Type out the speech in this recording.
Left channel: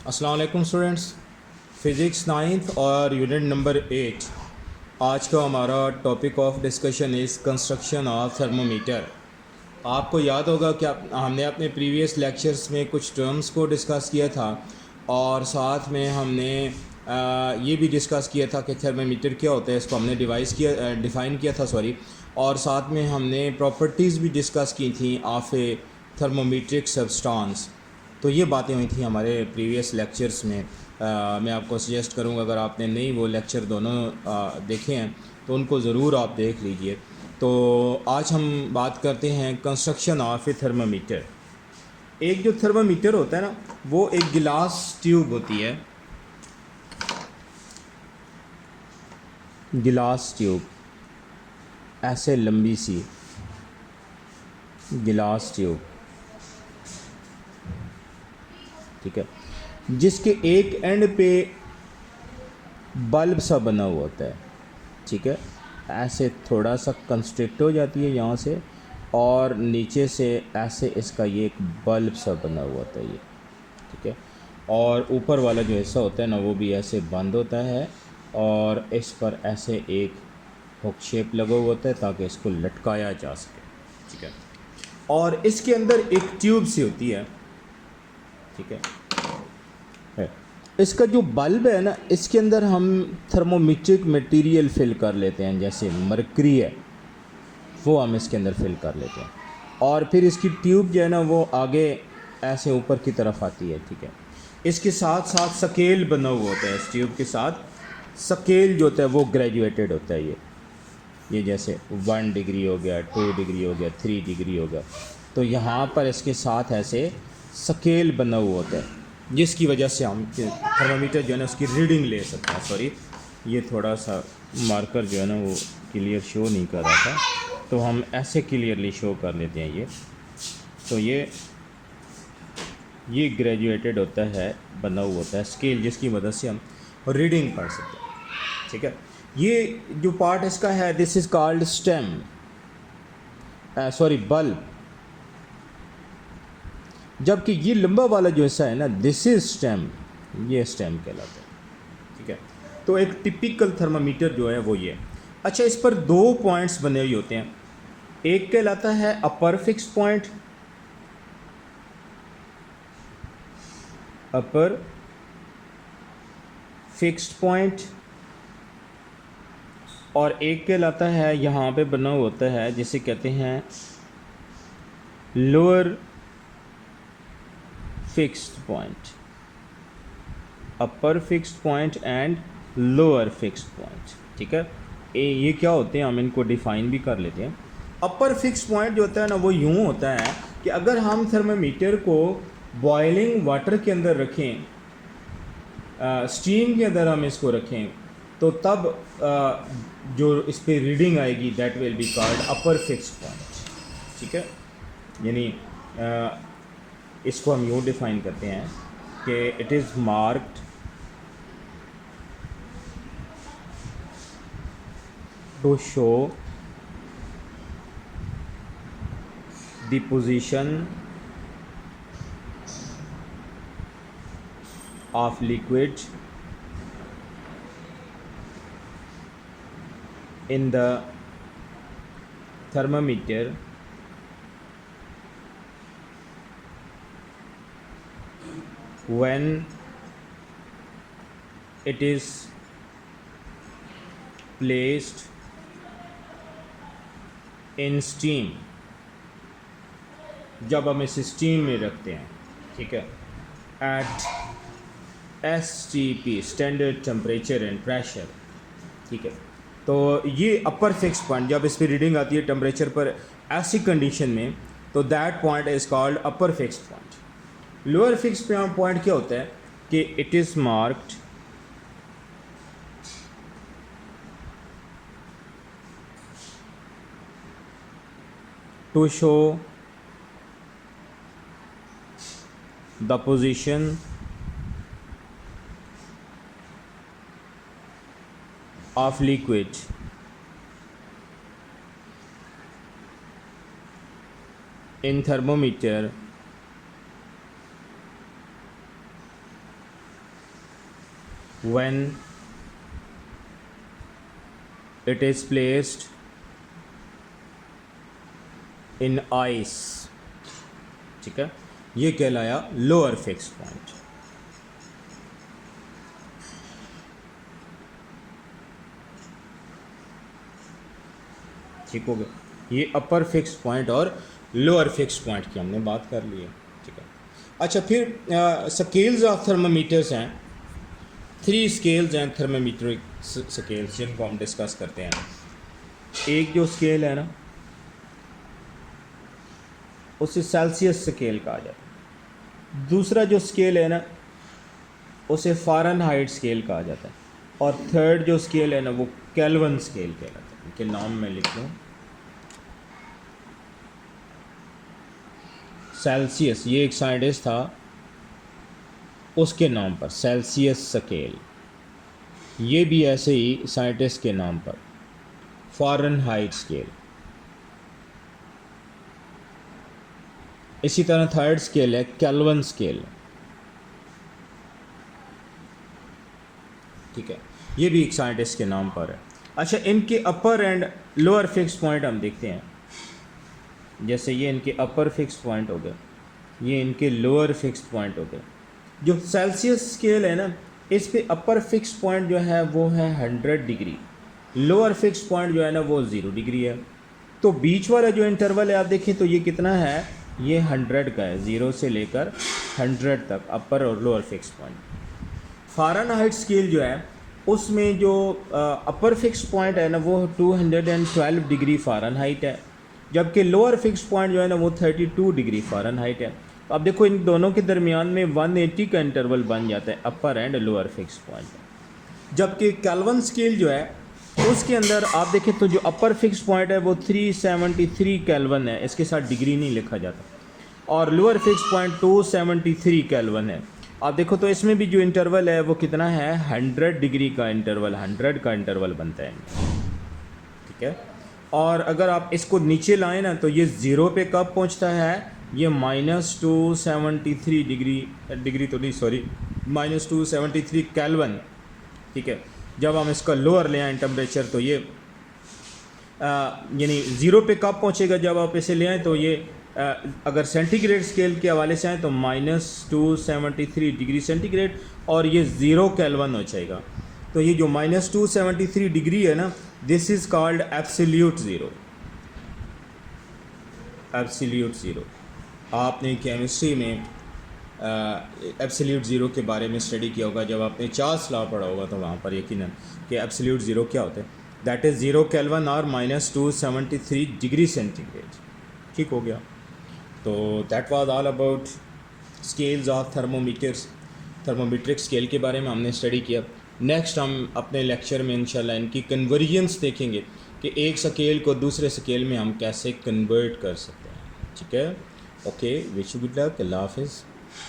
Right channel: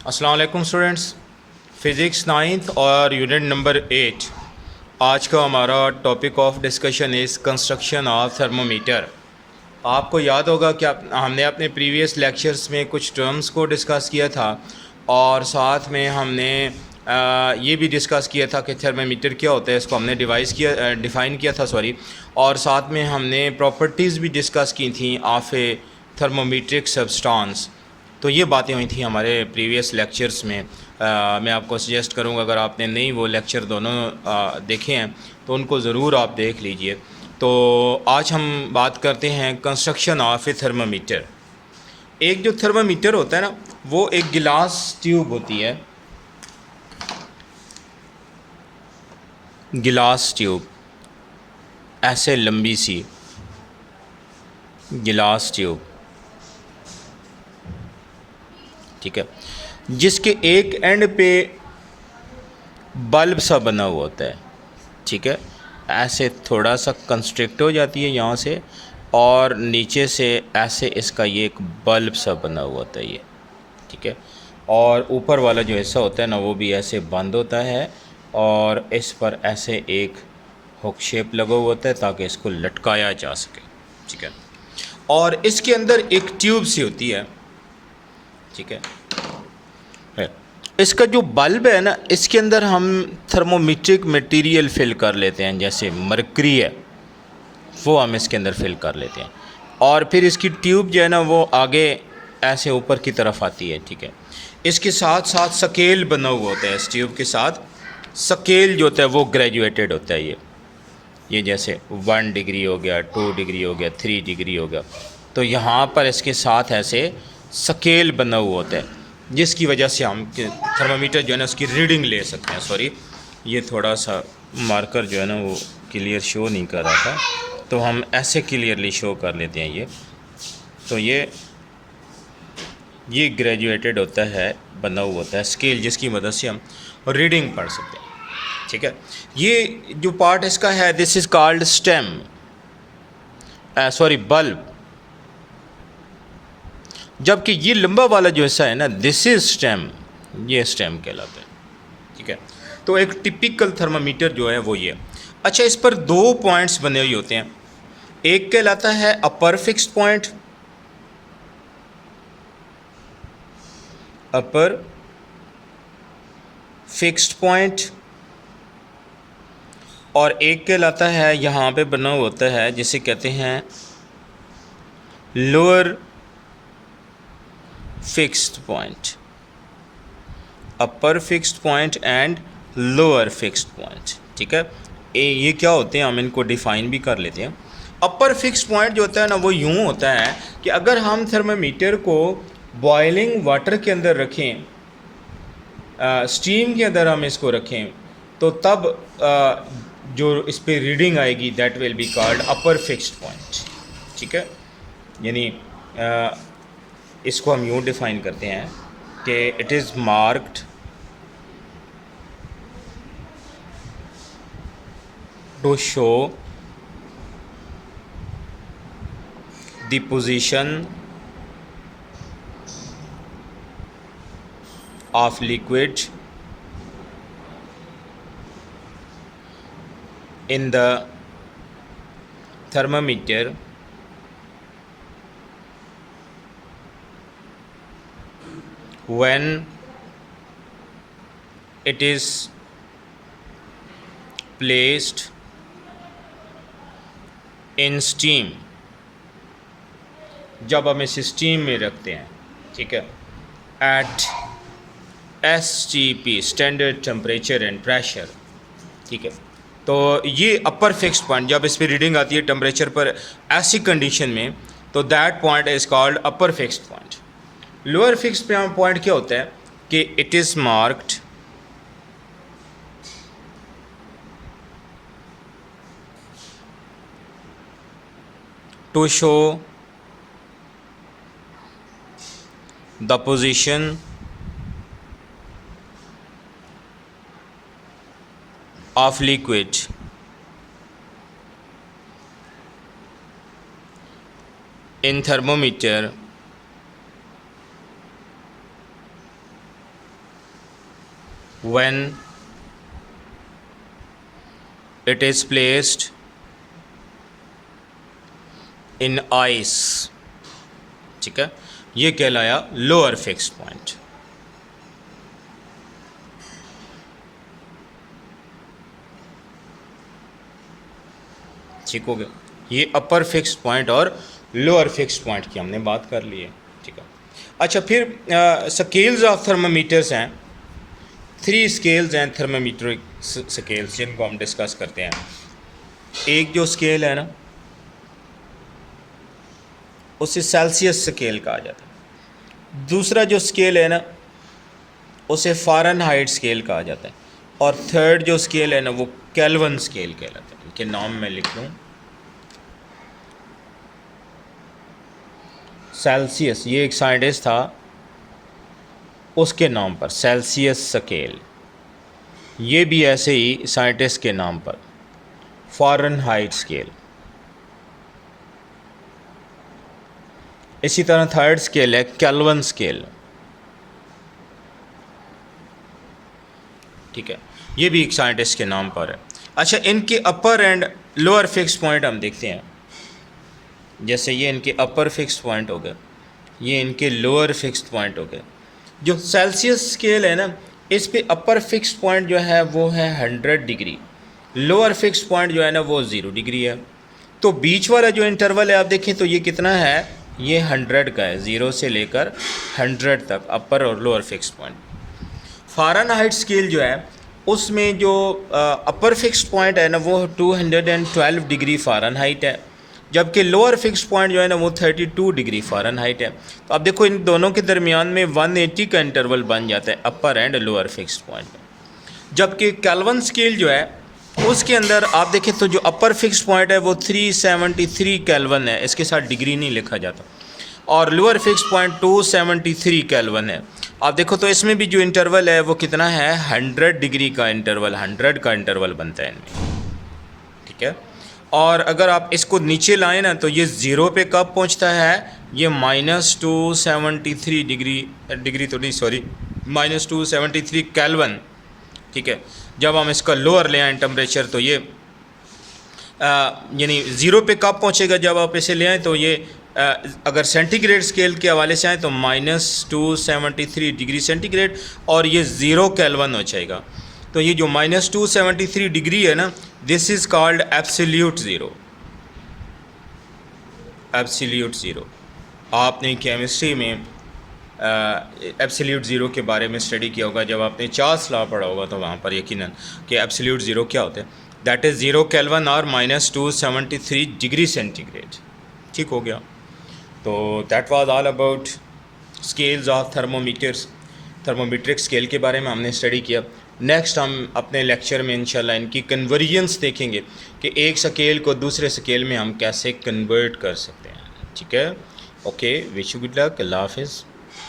अस्सलाम वालेकुम students. Physics ninth और यूनिट नंबर 8। आज का हमारा topic of discussion is construction of thermometer. आपको याद होगा कि हमने अपने प्रीवियस लेक्चर्स में कुछ टर्म्स को डिस्कस किया था और साथ में हमने ये भी डिस्कस किया था कि थर्मामीटर क्या होता है, इसको हमने डिफ़ाइन किया था सॉरी। और साथ में हमने प्रॉपर्टीज़ भी डिस्कस की थी ऑफ ए थर्मोमीट्रिक सब्सटेंस। तो ये बातें हुई थी हमारे प्रीवियस लेक्चर्स में। मैं आपको सजेस्ट करूँगा, अगर आपने नहीं वो लेक्चर दोनों देखे हैं तो उनको ज़रूर आप देख लीजिए। तो आज हम बात करते हैं कंस्ट्रक्शन ऑफ ए थर्मामीटर। एक जो थर्मामीटर होता है ना, वो एक गिलास ट्यूब होती है, गिलास ट्यूब, ऐसे लंबी सी गिलास ट्यूब, ठीक है, जिसके एक एंड पे बल्ब सा बना हुआ होता है, ठीक है। ऐसे थोड़ा सा कंस्ट्रिक्ट हो जाती है यहाँ से, और नीचे से ऐसे इसका ये एक बल्ब सा बना हुआ होता है ये, ठीक है। और ऊपर वाला जो हिस्सा होता है ना, वो भी ऐसे बंद होता है और इस पर ऐसे एक हुक शेप लगा हुआ होता है ताकि इसको लटकाया जा सके, ठीक है। और इसके अंदर एक ट्यूब सी होती है, ठीक है। इसका जो बल्ब है ना, इसके अंदर हम थर्मोमीट्रिक मटेरियल फिल कर लेते हैं, जैसे मरकरी है वो हम इसके अंदर फिल कर लेते हैं। और फिर इसकी ट्यूब जो है ना, वो आगे ऐसे ऊपर की तरफ आती है, ठीक है। इसके साथ साथ स्केल बना हुआ होता है, इस ट्यूब के साथ स्केल जो होता है वो ग्रेजुएटेड होता है। ये जैसे 1 डिग्री हो गया, 2 डिग्री हो गया, 3 डिग्री हो गया। तो यहाँ पर इसके साथ ऐसे स्केल बना हुआ होता है, जिसकी वजह से हम थर्मामीटर जो है ना उसकी रीडिंग ले सकते हैं। सॉरी, ये थोड़ा सा मार्कर जो है ना वो क्लियर शो नहीं कर रहा था, तो हम ऐसे क्लियरली शो कर लेते हैं ये। तो ये ग्रेजुएटेड होता है, बना हुआ होता है स्केल, जिसकी मदद से हम रीडिंग पढ़ सकते हैं, ठीक है। ये जो पार्ट इसका है, this is called stem, sorry bulb. जबकि ये लंबा वाला जो हिस्सा है ना, दिस इज स्टेम, ये स्टेम कहलाता है, ठीक है। तो एक टिपिकल थर्मामीटर जो है वो ये। अच्छा, इस पर 2 पॉइंट्स बने हुए होते हैं। एक कहलाता है अपर फिक्स्ड पॉइंट, अपर फिक्स्ड पॉइंट, और एक कहलाता है यहाँ पे बना हुआ होता है जिसे कहते हैं lower fixed point, upper fixed point and lower fixed point, ठीक है। ये क्या होते हैं, हम इनको डिफ़ाइन भी कर लेते हैं। अपर फिक्स्ड पॉइंट जो होता है ना, वो यूँ होता है कि अगर हम थर्मामीटर को बॉइलिंग वाटर के अंदर रखें, स्टीम के अंदर हम इसको रखें, तो तब जो इस पर रीडिंग आएगी that will be called upper fixed point, ठीक है। यानी इसको हम यूँ डिफ़ाइन करते हैं कि it is marked to show the position of liquid in the thermometer when it is placed in steam, जब हम इसे स्टीम में रखते हैं, ठीक है, at STP, standard temperature and pressure, ठीक है। तो ये अपर फिक्स्ड पॉइंट, जब इस पर रीडिंग आती है टेम्परेचर पर ऐसी कंडीशन में, तो that point is called upper fixed point. Lower fixed point क्या होता है कि it is marked to show the position of liquid in thermometer when it is placed in ice, ठीक है, ये कहलाया लोअर फिक्स्ड पॉइंट। ठीक हो गया, ये अपर फिक्स्ड पॉइंट और लोअर फिक्स्ड पॉइंट की हमने बात कर ली है। ठीक है, अच्छा फिर स्केल्स ऑफ थर्मामीटर्स हैं, 3 स्केल्स हैं थर्मामीट्रिक स्केल्स जिनको हम डिस्कस करते हैं। एक जो स्केल है ना उसे सेल्सियस स्केल कहा जाता है, दूसरा जो स्केल है ना उसे फ़ारेनहाइट स्केल कहा जाता है, और थर्ड जो स्केल है ना वो केल्विन स्केल कहलाता है। इनके नाम मैं लिख लूँ, सेल्सियस, ये एक साइंटिस्ट था उसके नाम पर सेल्सियस स्केल, ये भी ऐसे ही साइंटिस्ट के नाम पर फ़ारेनहाइट स्केल। इसी तरह थर्ड स्केल है केल्विन स्केल। ठीक है, ये भी एक साइंटिस्ट के नाम पर है। अच्छा, इनके अपर एंड लोअर फिक्स पॉइंट हम देखते हैं। जैसे ये इनके अपर फिक्स पॉइंट हो गए, ये इनके लोअर फिक्स पॉइंट हो गए। जो सेल्सियस स्केल है ना, इस पे अपर फिक्स पॉइंट जो है वो है 100 डिग्री, लोअर फिक्स पॉइंट जो है ना वो 0 डिग्री है। तो बीच वाला जो इंटरवल है आप देखें तो ये कितना है, ये 100 का है, 0 से लेकर 100 तक अपर और lower fix point. Fahrenheit scale जो है उसमें जो अपर फिक्स पॉइंट है ना वो 212 डिग्री फ़ारेनहाइट है, जबकि लोअर फिक्स पॉइंट जो है ना वो 32 डिग्री फ़ारेनहाइट है। तो अब देखो इन दोनों के दरमियान में 180 का इंटरवल बन जाता है अपर एंड लोअर फिक्स पॉइंट। जबकि केल्विन स्केल जो है उसके अंदर आप देखें तो जो अपर फिक्स पॉइंट है वो 373 केल्विन है, इसके साथ डिग्री नहीं लिखा जाता, और लोअर फिक्स पॉइंट 273 केल्विन है। आप देखो तो इसमें भी जो इंटरवल है वो कितना है, 100 डिग्री का इंटरवल, 100 का इंटरवल बनता है इनमें। ठीक है, और अगर आप इसको नीचे लाएं ना तो ये 0 पे कब पहुंचता है, ये -273 डिग्री तो नहीं सॉरी -273 केल्विन। ठीक है, जब हम इसका लोअर ले आएँ टेम्परेचर तो ये यानी 0 पे कब पहुंचेगा, जब आप इसे ले आएँ तो ये अगर सेंटीग्रेड स्केल के हवाले से आए तो -273 डिग्री सेंटीग्रेड, और ये 0 केल्विन हो जाएगा। तो ये जो -273 डिग्री है ना, this is called absolute zero. Absolute zero, आपने केमिस्ट्री में एब्सोल्यूट ज़ीरो के बारे में स्टडी किया होगा, जब आपने चार्ल्स लॉ पढ़ा होगा तो वहाँ पर यकीनन कि एब्सोल्यूट ज़ीरो क्या होता है, दैट इज़ 0 केल्विन और -273 डिग्री सेंटीग्रेड। ठीक हो गया, तो that was all about scales of thermometers, thermometric scale के बारे में हमने स्टडी किया। नेक्स्ट हम अपने लेक्चर में इंशाल्लाह इनकी कन्वर्जेंस देखेंगे कि एक स्केल को दूसरे स्केल में हम कैसे कन्वर्ट कर सकते हैं। ठीक है, okay, wish you good luck, अल्लाह हाफिज़।